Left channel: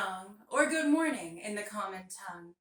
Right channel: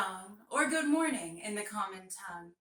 dong, or good morning in the common tongue.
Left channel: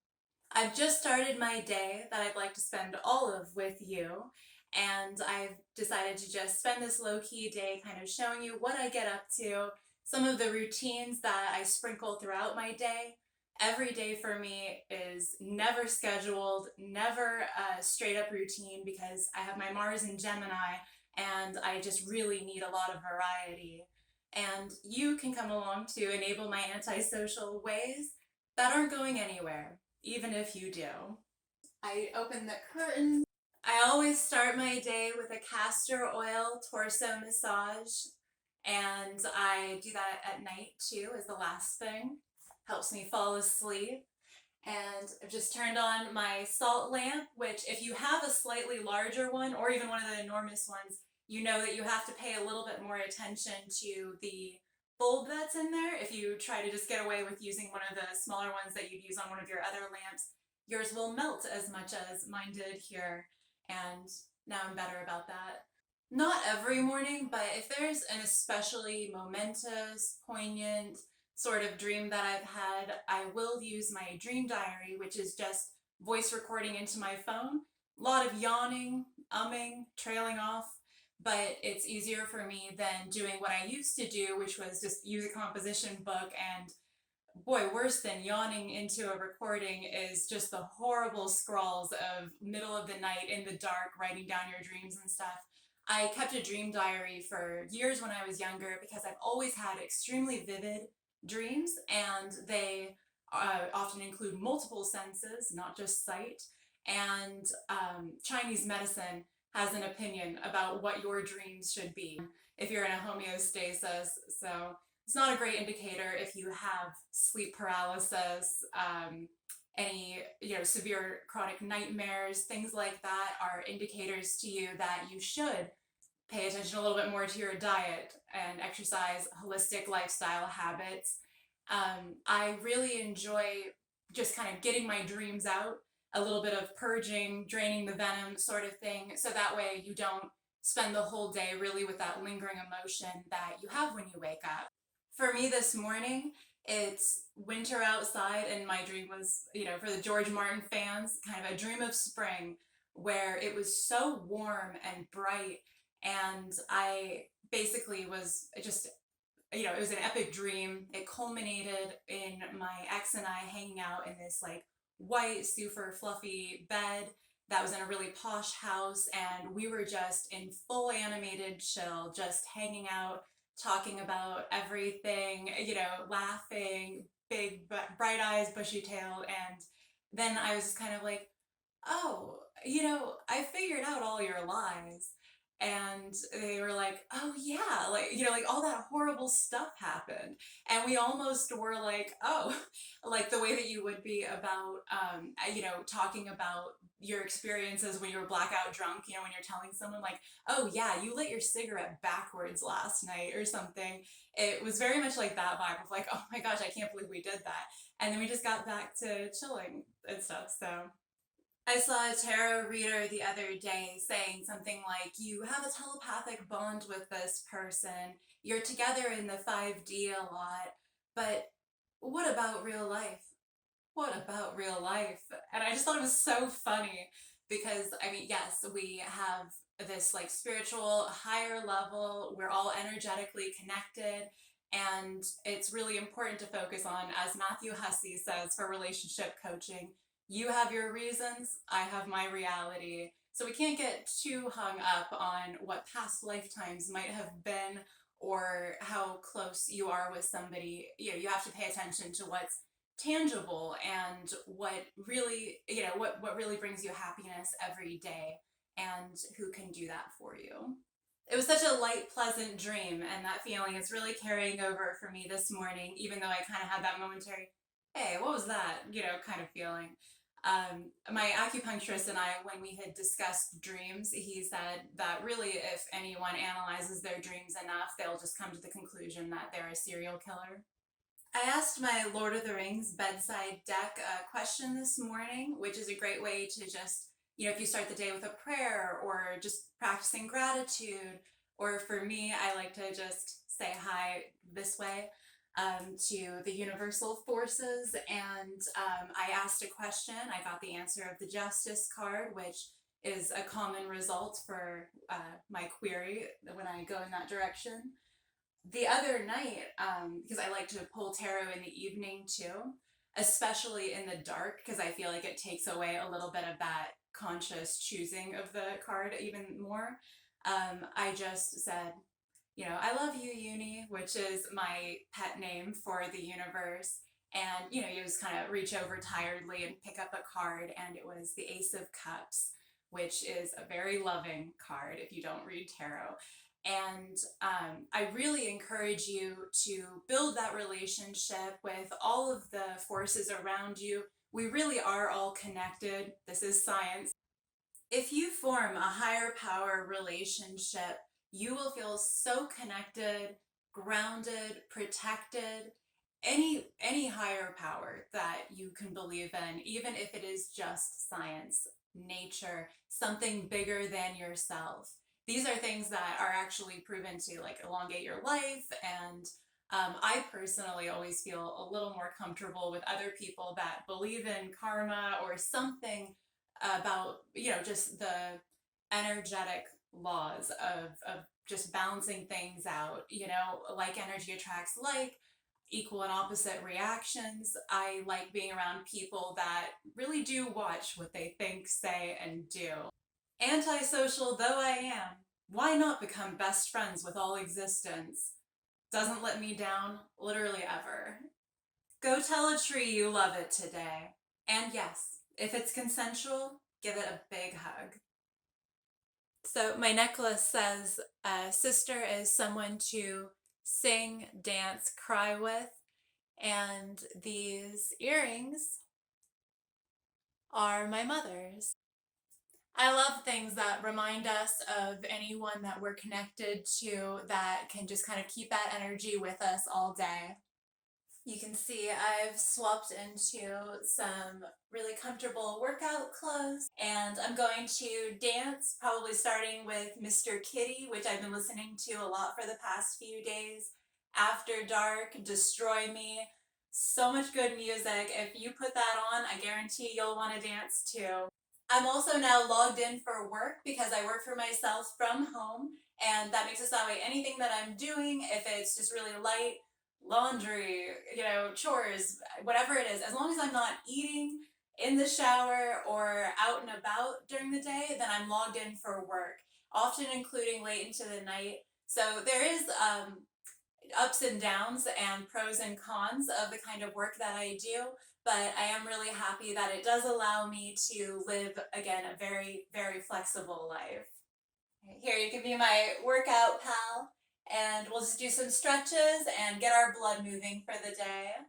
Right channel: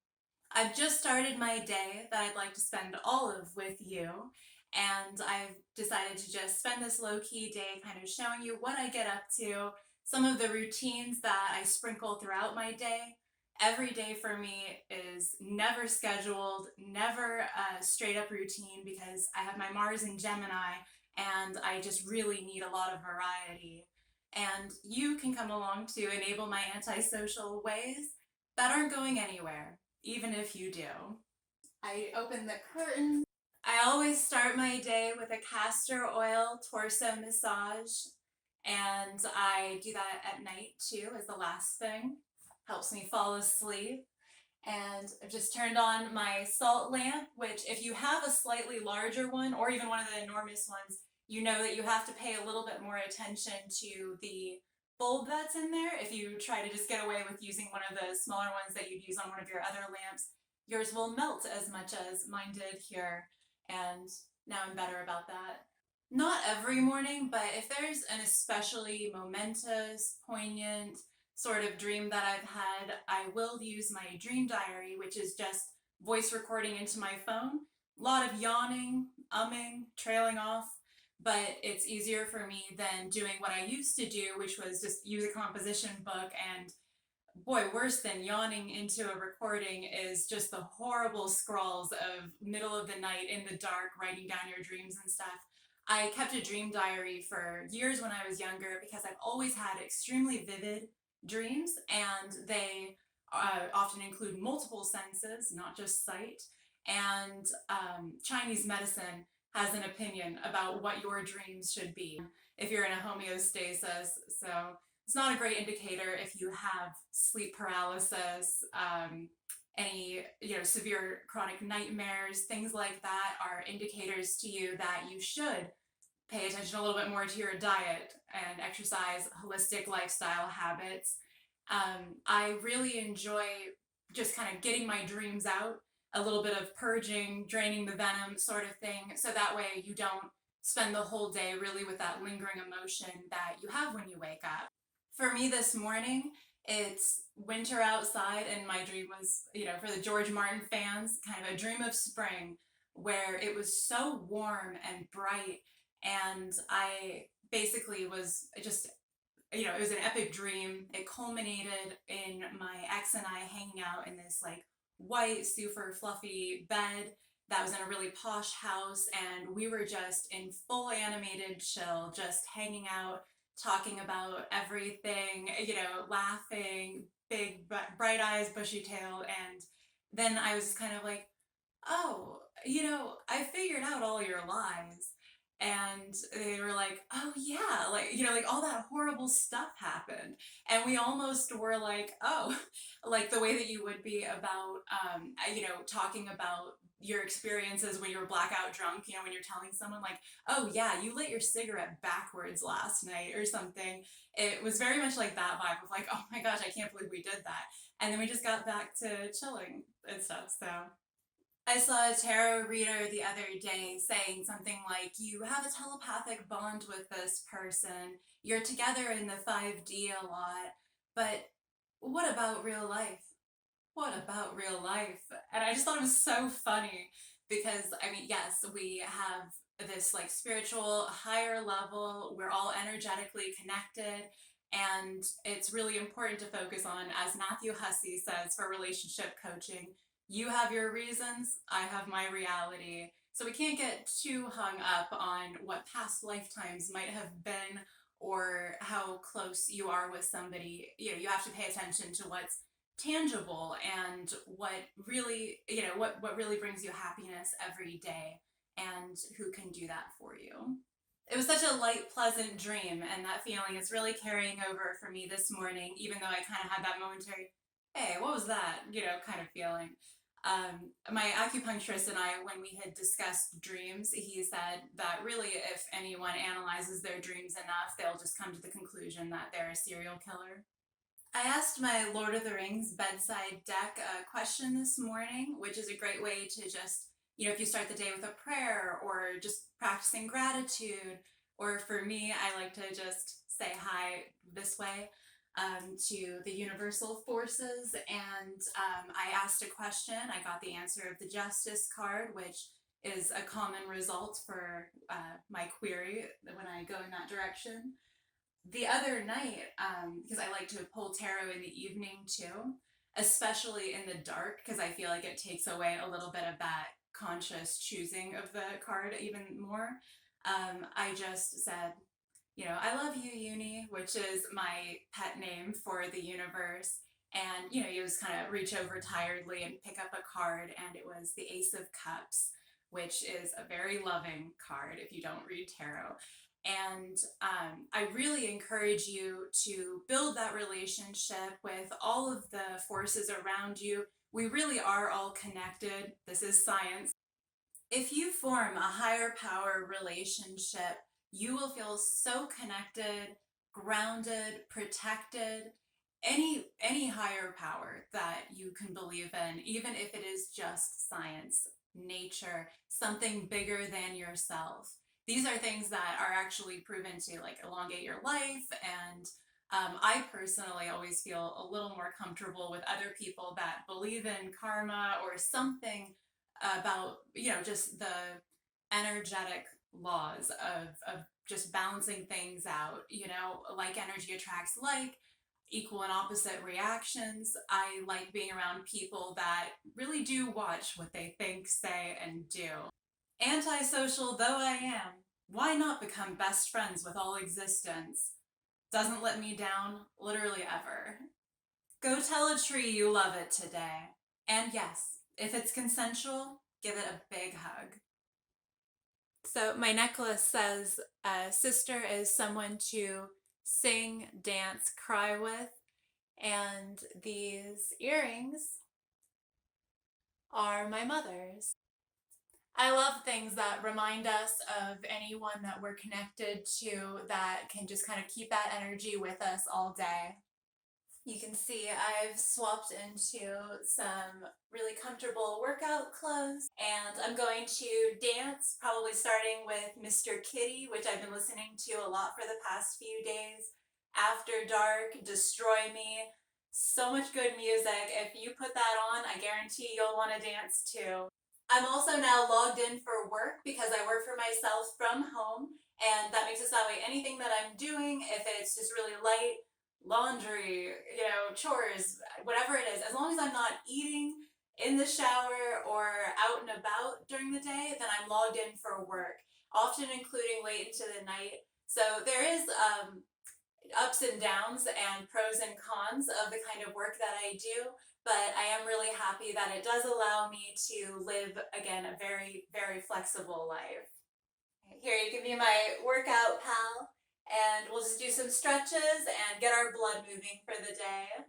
I've just started my day that I'd like to spend all of with you, and I've decided to just spend this low-key day kind of showing you what I get up to, some of the routines that I sprinkle throughout my day. Every day for me is never scheduled, never a straight up routine because I have my Mars in Gemini and I just really need a lot of variety. And you can come along to enable my antisocial ways that aren't going anywhere, even if you do. I open the curtain. I always start my day with a castor oil torso massage, and I do that at night too as the last thing. Helps me fall asleep. And I've just turned on my salt lamp, which if you have a slightly larger one or even one of the enormous ones, you know that you have to pay a little bit more attention to the bulb that's in there. If you try to just get away with using one of the smaller ones that you'd use on one of your other lamps, yours will melt as much as mine did here. And now I'm better about that. Not every morning, but if there's an especially momentous, poignant, sort of dream that I've had, I will use my dream diary, which is just voice recording into my phone. A lot of yawning, umming, trailing off, but it's easier for me than doing what I used to do, which was just use a composition book. And boy, worse than yawning into a recording is just the horrible scrawls of middle of the night in the dark, writing down your dreams and stuff. I kept a dream diary for years when I was younger because I've always had extremely vivid dreams, and they often include multiple senses, not just sight. And Chinese medicine has an opinion about what your dreams should be if you're in a homeostasis. So it's not a great indicator if you have sleep paralysis, any severe chronic nightmares, things like that are indicators to you that you should pay attention a little bit more to your diet and exercise, holistic lifestyle habits. I really enjoy just kind of getting my dreams out, a little bit of purging, draining the venom sort of thing, so that way you don't spend the whole day really with that lingering emotion that you have when you wake up. For me this morning, it's winter outside, and my dream was, for the George Martin fans, kind of a dream of spring where it was so warm and bright, and I basically was just, it was an epic dream. It culminated in my ex and I hanging out in this like white, super fluffy bed that was in a really posh house, and we were just in full animated chill, just hanging out, talking about everything, laughing, big, bright eyes, bushy tail. And then I was just kind of like, oh, I figured out all your lies. And they were like, oh yeah, like, like all that horrible stuff happened. And we almost were like, oh, like the way that you would be about, talking about your experiences when you were blackout drunk, when you're telling someone like, oh yeah, you lit your cigarette backwards last night or something. It was very much like that vibe of like, oh my gosh, I can't believe we did that. And then we just got back to chilling and stuff. So I saw a tarot reader the other day saying something like, you have a telepathic bond with this person, you're together in the 5D a lot, but what about real life? What about real life? And I just thought it was so funny because, I mean, yes, we have this like spiritual higher level, we're all energetically connected, and it's really important to focus on, as Matthew Hussey says for relationship coaching, you have your reasons, I have my reality. So we can't get too hung up on what past lifetimes might have been or how close you are with somebody. You have to pay attention to what's tangible and what really, what really brings you happiness every day and who can do that for you. It was such a light, pleasant dream, and that feeling is really carrying over for me this morning, even though I kind of had that momentary, hey, what was that, kind of feeling. My acupuncturist and I, when we had discussed dreams, he said that really if anyone analyzes their dreams enough, they'll just come to the conclusion that they're a serial killer. I asked my Lord of the Rings bedside deck a question this morning, which is a great way to just, if you start the day with a prayer or just practicing gratitude, or for me, I like to just say hi this way. to the universal forces, and I asked a question. I got the answer of the Justice card, which is a common result for my query when I go in that direction. The other night, because I like to pull tarot in the evening too, especially in the dark, because I feel like it takes away a little bit of that conscious choosing of the card even more. I just said, I love you, Uni, which is my pet name for the universe. And, you just kind of reach over tiredly and pick up a card, and it was the Ace of Cups, which is a very loving card if you don't read tarot. And I really encourage you to build that relationship with all of the forces around you. We really are all connected. This is science. If you form a higher power relationship, you will feel so connected, grounded, protected. Any higher power that you can believe in, even if it is just science, nature, something bigger than yourself. These are things that are actually proven to like elongate your life, and I personally always feel a little more comfortable with other people that believe in karma or something about just the energetic laws of just balancing things out. Like energy attracts like, equal and opposite reactions. I like being around people that really do watch what they think, say, and do. Antisocial though I am, why not become best friends with all existence? Doesn't let me down, literally ever. Go tell a tree you love it today. And yes, if it's consensual, give it a big hug. So my necklace says, sister is someone to sing, dance, cry with. And these earrings are my mother's. I love things that remind us of anyone that we're connected to that can just kind of keep that energy with us all day. You can see I've swapped into some really comfortable workout clothes, and I'm going to dance, probably starting with Mr. Kitty, which I've been listening to a lot for the past few days. After Dark, Destroy Me, so much good music. If you put that on, I guarantee you'll want to dance too. I'm also now logged in for work because I work for myself from home, and that makes it that way anything that I'm doing, if it's just really light, laundry, chores, whatever it is, as long as I'm not eating in the shower or out and about during the day, then I'm logged in for work, often including late into the night. So there is ups and downs and pros and cons of the kind of work that I do, but I am really happy that it does allow me to live, again, a very, very flexible life. Here, you can be my workout pal, and we'll just do some stretches and get our blood moving for the day.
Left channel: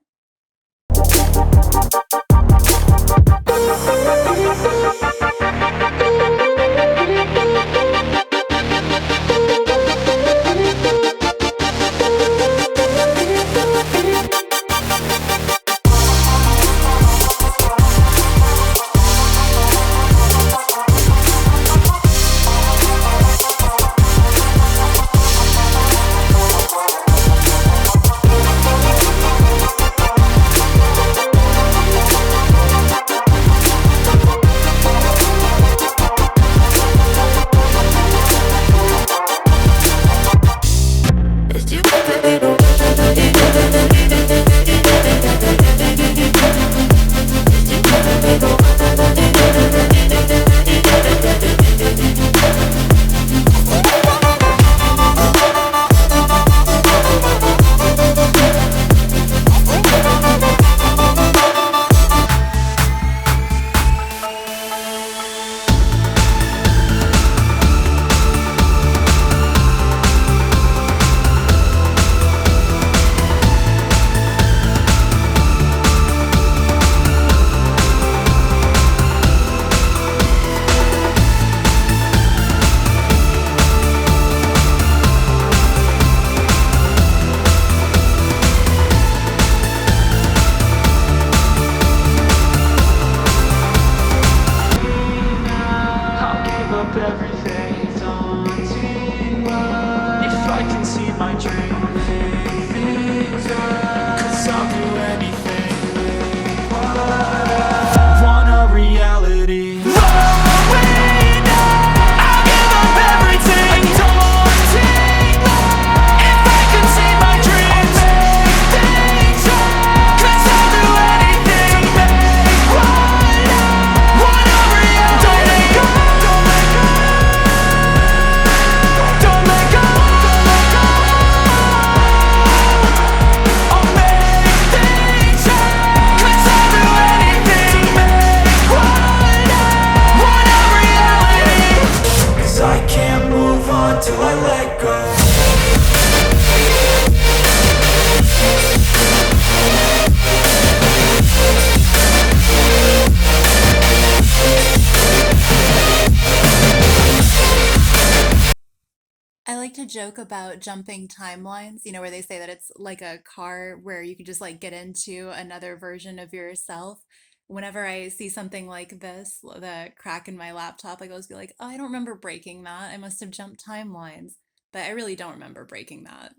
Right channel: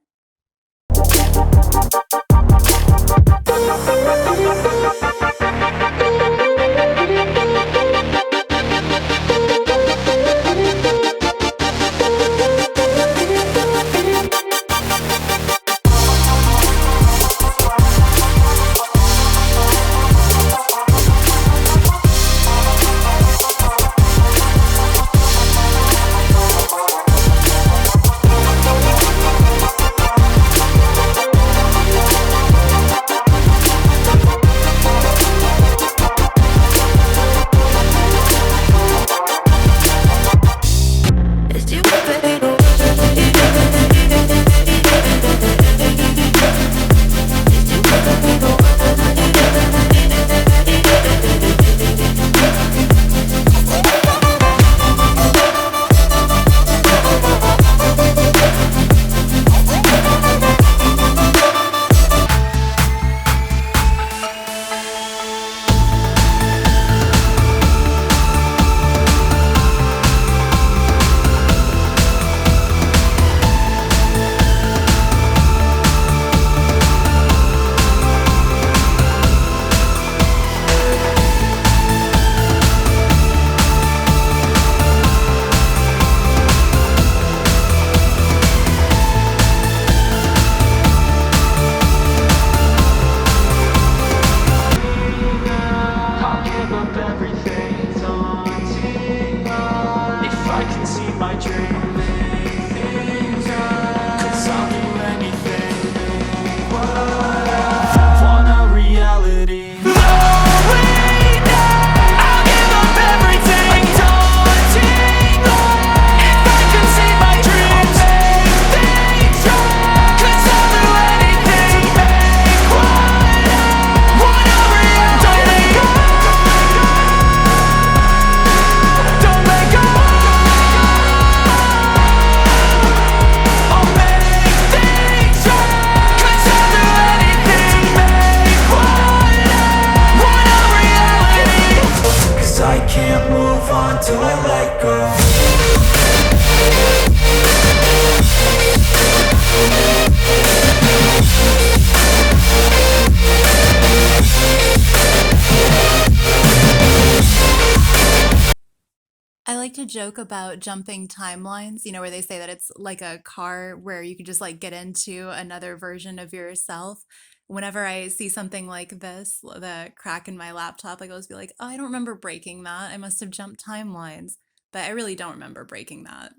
like to joke about jumping timelines, where they say that it's like a car where you could just like get into another version of yourself. Whenever I see something like this, the crack in my laptop, I always be like, oh, I don't remember breaking that. I must have jumped timelines. But I really don't remember breaking that.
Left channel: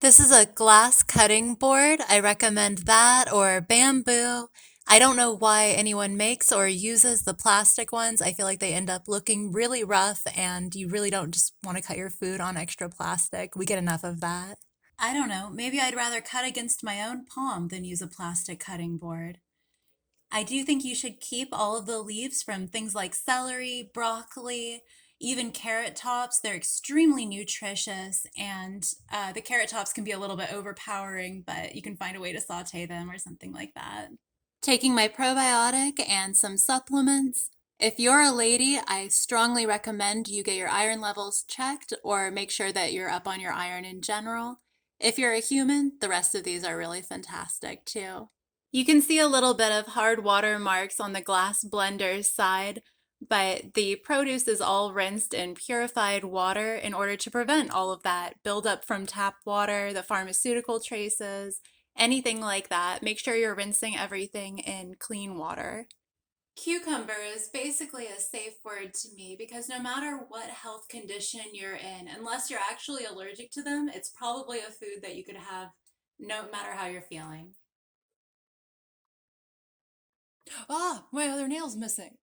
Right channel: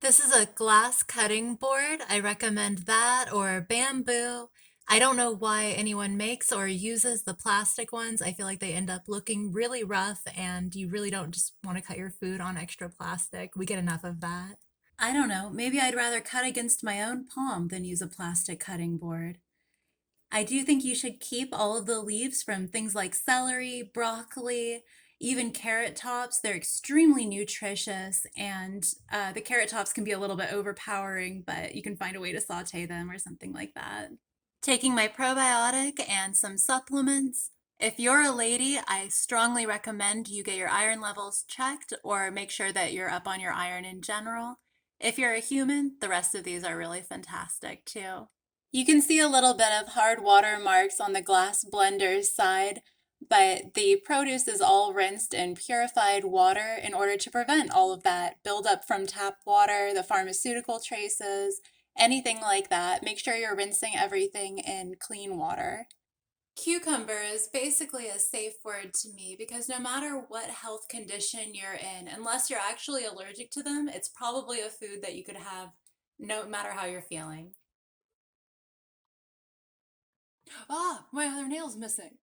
This is a glass cutting board. I recommend that or bamboo. I don't know why anyone makes or uses the plastic ones. I feel like they end up looking really rough and you really don't just want to cut your food on extra plastic. We get enough of that. I don't know. Maybe I'd rather cut against my own palm than use a plastic cutting board. I do think you should keep all of the leaves from things like celery, broccoli, even carrot tops. They're extremely nutritious, and the carrot tops can be a little bit overpowering, but you can find a way to saute them or something like that. Taking my probiotic and some supplements. If you're a lady, I strongly recommend you get your iron levels checked or make sure that you're up on your iron in general. If you're a human, the rest of these are really fantastic too. You can see a little bit of hard water marks on the glass blender's side, but the produce is all rinsed in purified water in order to prevent all of that buildup from tap water, the pharmaceutical traces, anything like that. Make sure you're rinsing everything in clean water. Cucumber is basically a safe word to me because no matter what health condition you're in, unless you're actually allergic to them, it's probably a food that you could have no matter how you're feeling. Ah, my other nail's missing.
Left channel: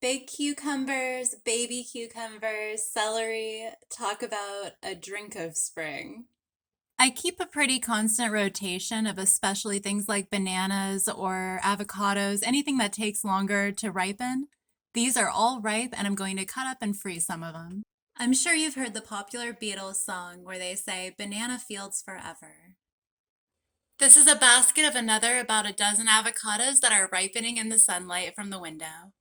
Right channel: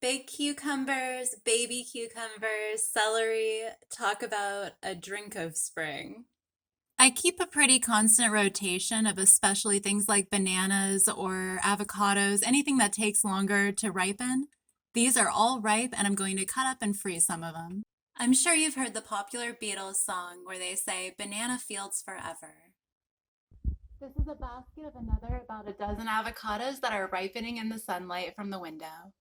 Big cucumbers, baby cucumbers, celery. Talk about a drink of spring. I keep a pretty constant rotation of especially things like bananas or avocados, anything that takes longer to ripen. These are all ripe, and I'm going to cut up and freeze some of them. I'm sure you've heard the popular Beatles song where they say, "Banana fields forever." This is a basket of another about a dozen avocados that are ripening in the sunlight from the window.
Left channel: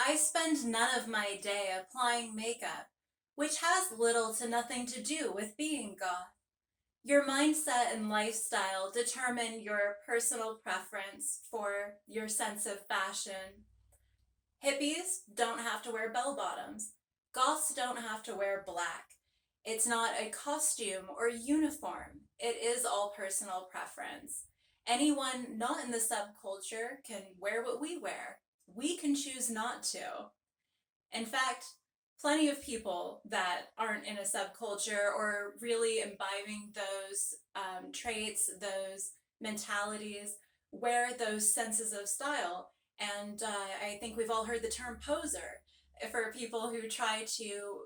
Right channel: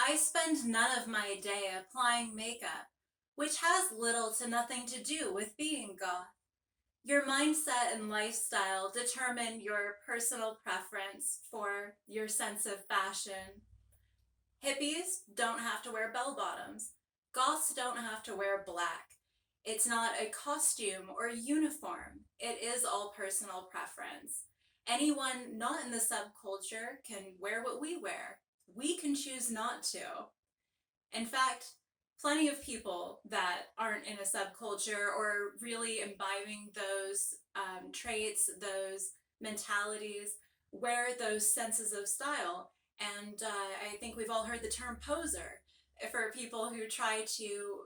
I spend none of my day applying makeup, which has little to nothing to do with being goth. Your mindset and lifestyle determine your personal preference for your sense of fashion. Hippies don't have to wear bell bottoms. Goths don't have to wear black. It's not a costume or uniform. It is all personal preference. Anyone not in the subculture can wear what we wear. We can choose not to. In fact, plenty of people that aren't in a subculture or really imbibing those traits, those mentalities, wear those senses of style. And I think we've all heard the term poser for people who try to,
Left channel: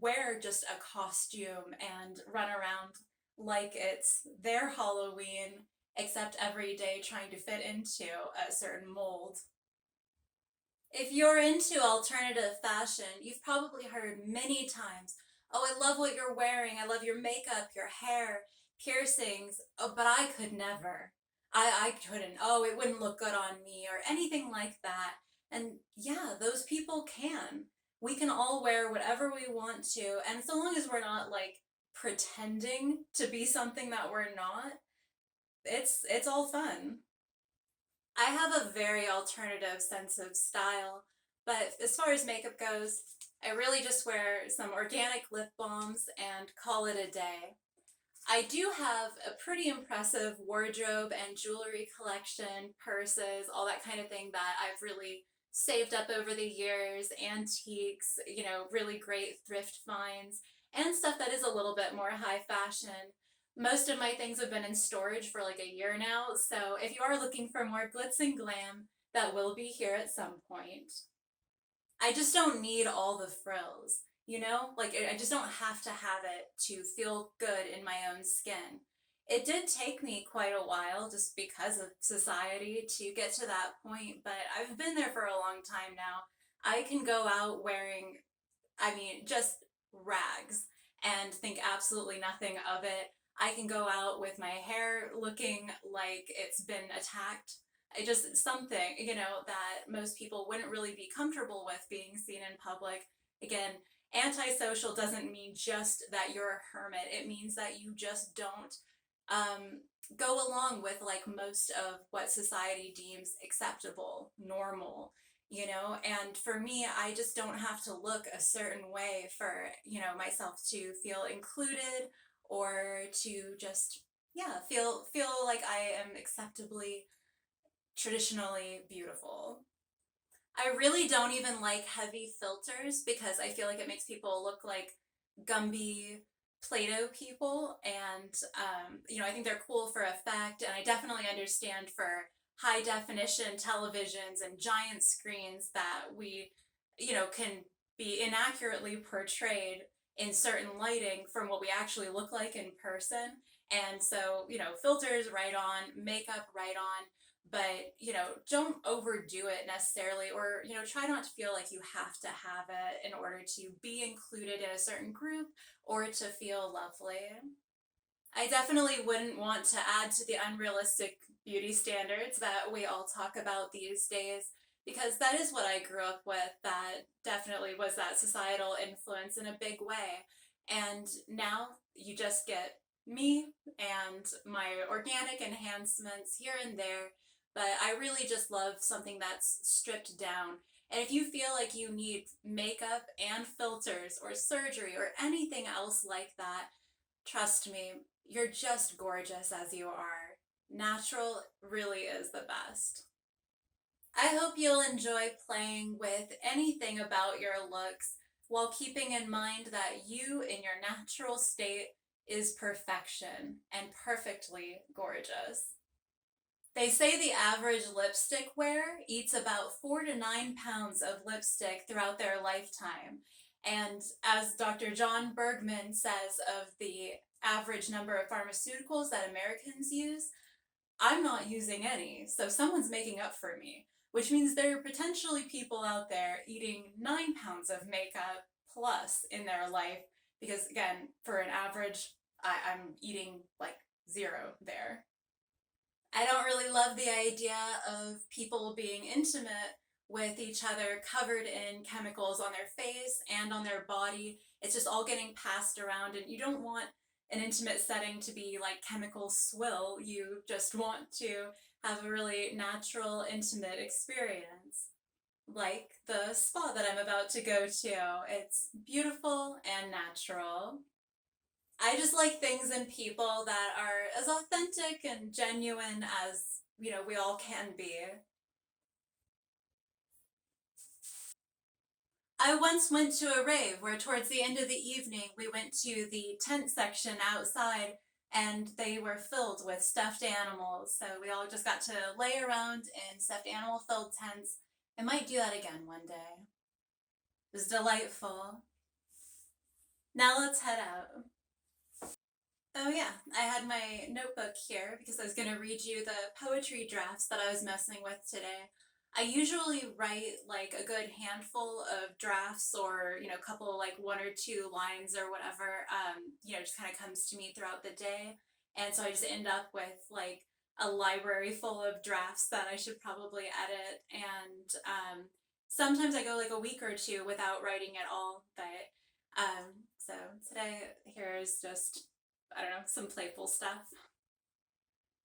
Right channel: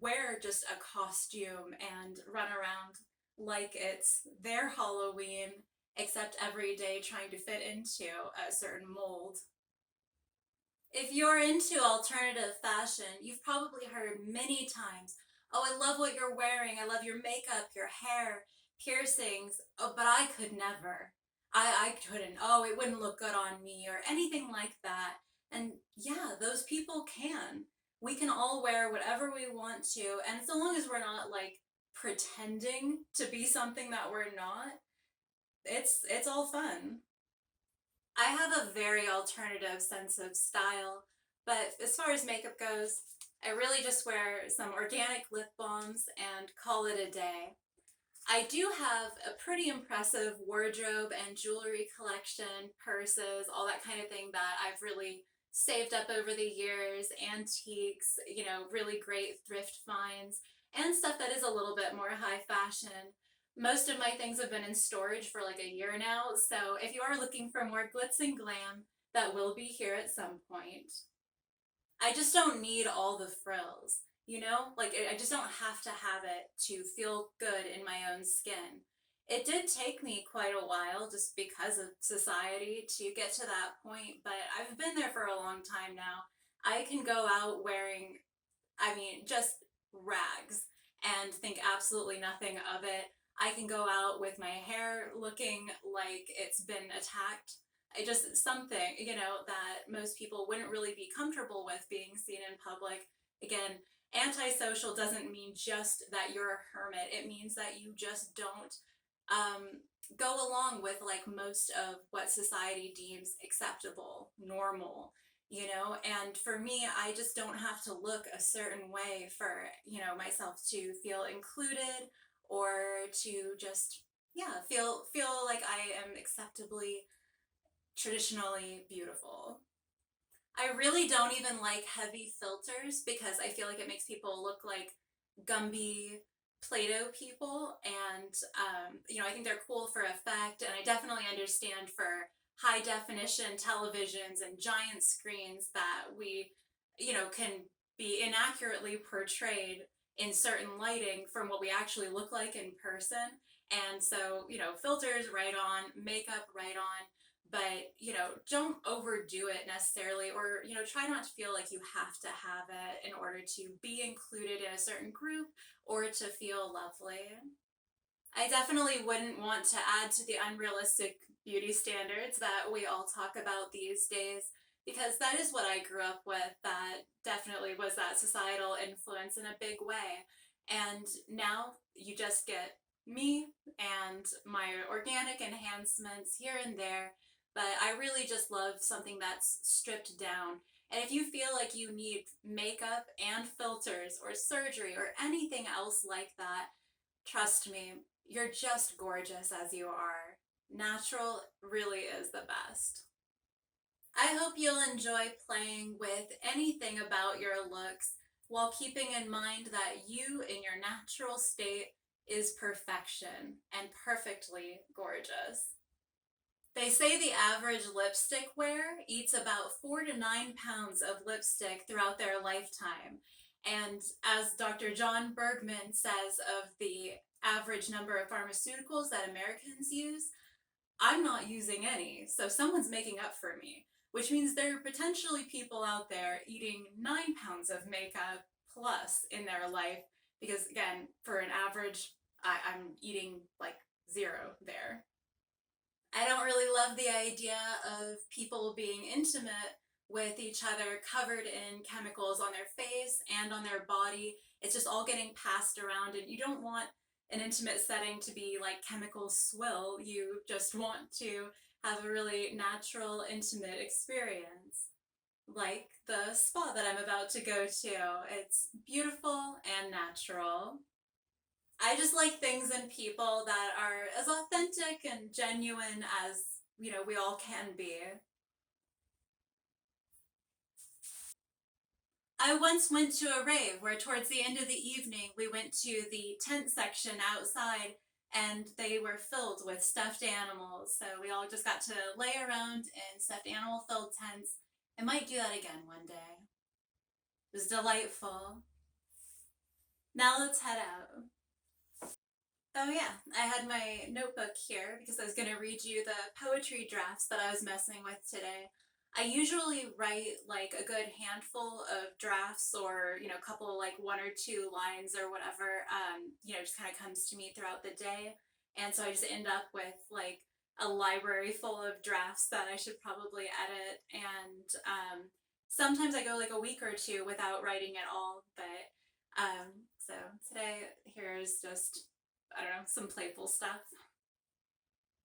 wear just a costume and run around like it's their Halloween, except every day trying to fit into a certain mold. If you're into alternative fashion, you've probably heard many times, oh, I love what you're wearing. I love your makeup, your hair, piercings. Oh, but I could never. I couldn't. Oh, it wouldn't look good on me or anything like that. And yeah, those people can. We can all wear whatever we want to. And so long as we're not like pretending to be something that we're not, it's all fun. I have a very alternative sense of style, but as far as makeup goes, I really just wear some organic lip balms and call it a day. I do have a pretty impressive wardrobe and jewelry collection, purses, all that kind of thing that I've really saved up over the years, antiques, really great thrift finds, and stuff that is a little bit more high fashion. Most of my things have been in storage for like a year now, so if you are looking for more glitz and glam, that will be here at some point. I just don't need all the frills, Like, I just don't have to have it to feel good in my own skin. It did take me quite a while just because of society to get to that point, but I've been there for a long time now. I can go out wearing, just rags and think absolutely nothing of it. I can go out with my hair looking like it's been attacked. I just something, that most people wouldn't really be comfortable with being seen in public. Again, antisocial doesn't mean just that you're a hermit. It means that you just don't um, go along with like most of what society deems acceptable, normal, you know? And for me, I just don't have to look a certain way for, you know, myself to feel included or to just, yeah, feel like I am acceptably traditionally beautiful. I really don't even like heavy filters because I feel like it makes people look like Gumby Play-Doh people. And, you know, I think they're cool for effect. And I definitely understand for high definition televisions and giant screens that we, you know, can be inaccurately portrayed in certain lighting from what we actually look like in person. And so, you know, filters right on, makeup right on, but you know, don't overdo it necessarily, or you know, try not to feel like you have to have it in order to be included in a certain group or to feel lovely. I definitely wouldn't want to add to the unrealistic beauty standards that we all talk about these days, because that is what I grew up with. That definitely was that societal influence in a big way. And now you just get me and my organic enhancements here and there. But I really just love something that's stripped down. And if you feel like you need makeup and filters or surgery or anything else like that, trust me, you're just gorgeous as you are. Natural really is the best. I hope you'll enjoy playing with anything about your looks while keeping in mind that you in your natural state is perfection and perfectly gorgeous. They say the average lipstick wearer eats about 4 to 9 pounds of lipstick throughout their lifetime. And as Dr. John Bergman says of the average number of pharmaceuticals that Americans use, I'm not using any, so someone's making up for me, which means there are potentially people out there eating 9 pounds of makeup plus in their life. Because again, for an average, I'm eating like zero there. I don't really love the idea of people being intimate with each other covered in chemicals on their face and on their body. It's just all getting passed around, and you don't want an intimate setting to be like chemical swill. You just want to have a really natural, intimate experience. Like the spa that I'm about to go to. It's beautiful and natural. I just like things and people that are as authentic and genuine as, you know, we all can be. I once went to a rave where, towards the end of the evening, we went to the tent section outside and they were filled with stuffed animals. So we all just got to lay around in stuffed animal filled tents. I might do that again one day. It was delightful. Now let's head out. Oh yeah, I had my notebook here because I was going to read you the poetry drafts that I was messing with today. I usually write like a good handful of drafts, or, you know, a couple, like one or two lines or whatever, you know, just kind of comes to me throughout the day. And so I just end up with like a library full of drafts that I should probably edit. And sometimes I go like a week or two without writing at all. But so today, here's just, I don't know, some playful stuff.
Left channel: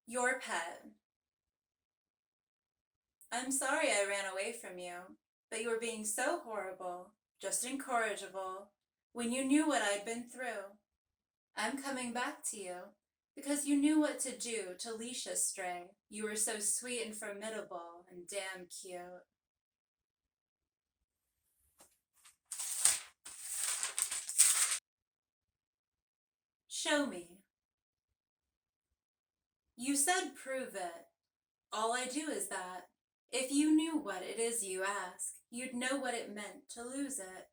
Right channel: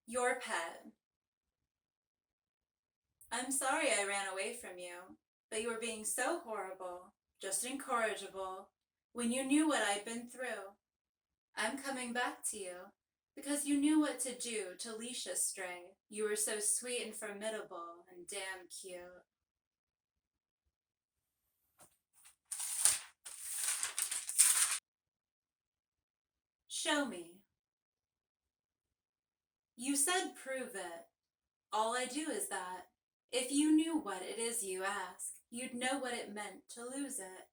Your pet. I'm sorry I ran away from you, but you were being so horrible, just incorrigible, when you knew what I'd been through. I'm coming back to you, because you knew what to do to leash a stray. You were so sweet and formidable and damn cute. Show me. You said prove it. All I do is that. If you knew what it is you ask, you'd know what it meant to lose it.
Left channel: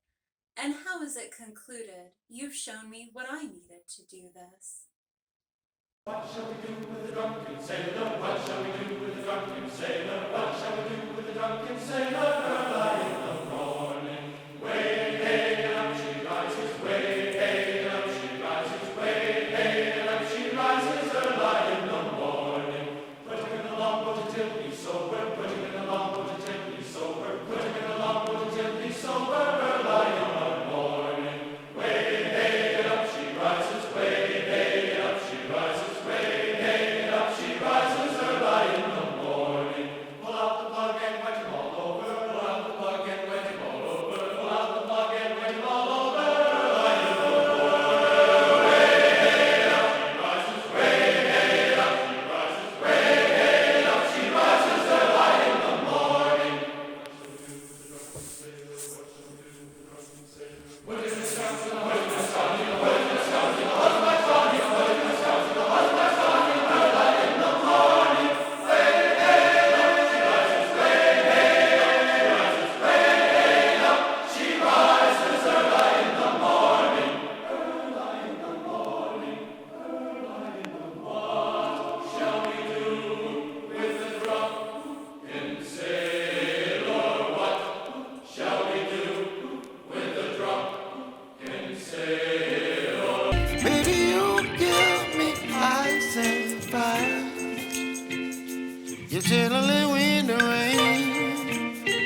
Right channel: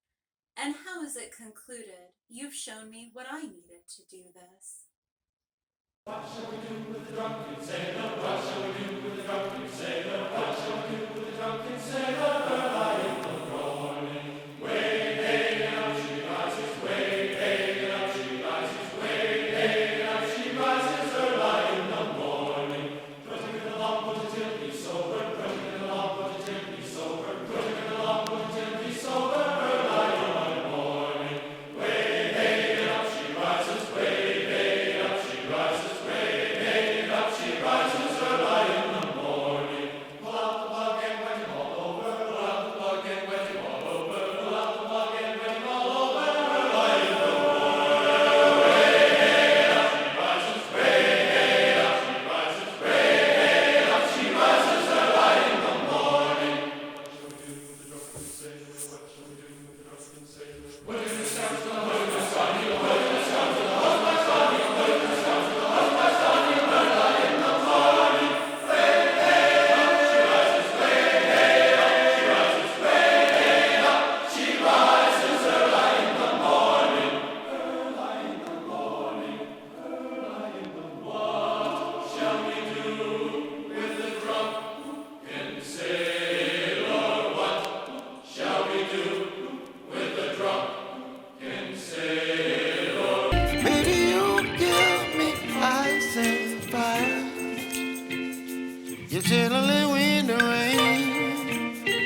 And how is it concluded? You've shown me what I needed to do this. What shall we do with the drunken sailor? What shall we do with the drunken sailor? What shall we do with the drunken sailor? Early in the morning, way hey, and up she rises. Way hey, and up she rises. Way hey, and up she rises. Early in the morning, put him in the longboat until he's sober. Put him in the longboat until he's sober. Put him in the longboat until he's sober. Early in the morning, way hey, and up she rises. Way hey, and up she rises. Way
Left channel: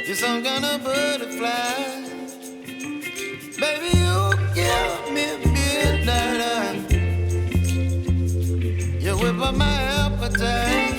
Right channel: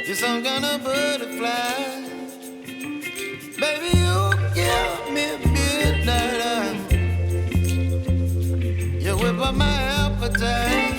You're some kind of butterfly. Baby, you give me midnight. You whip up my appetite.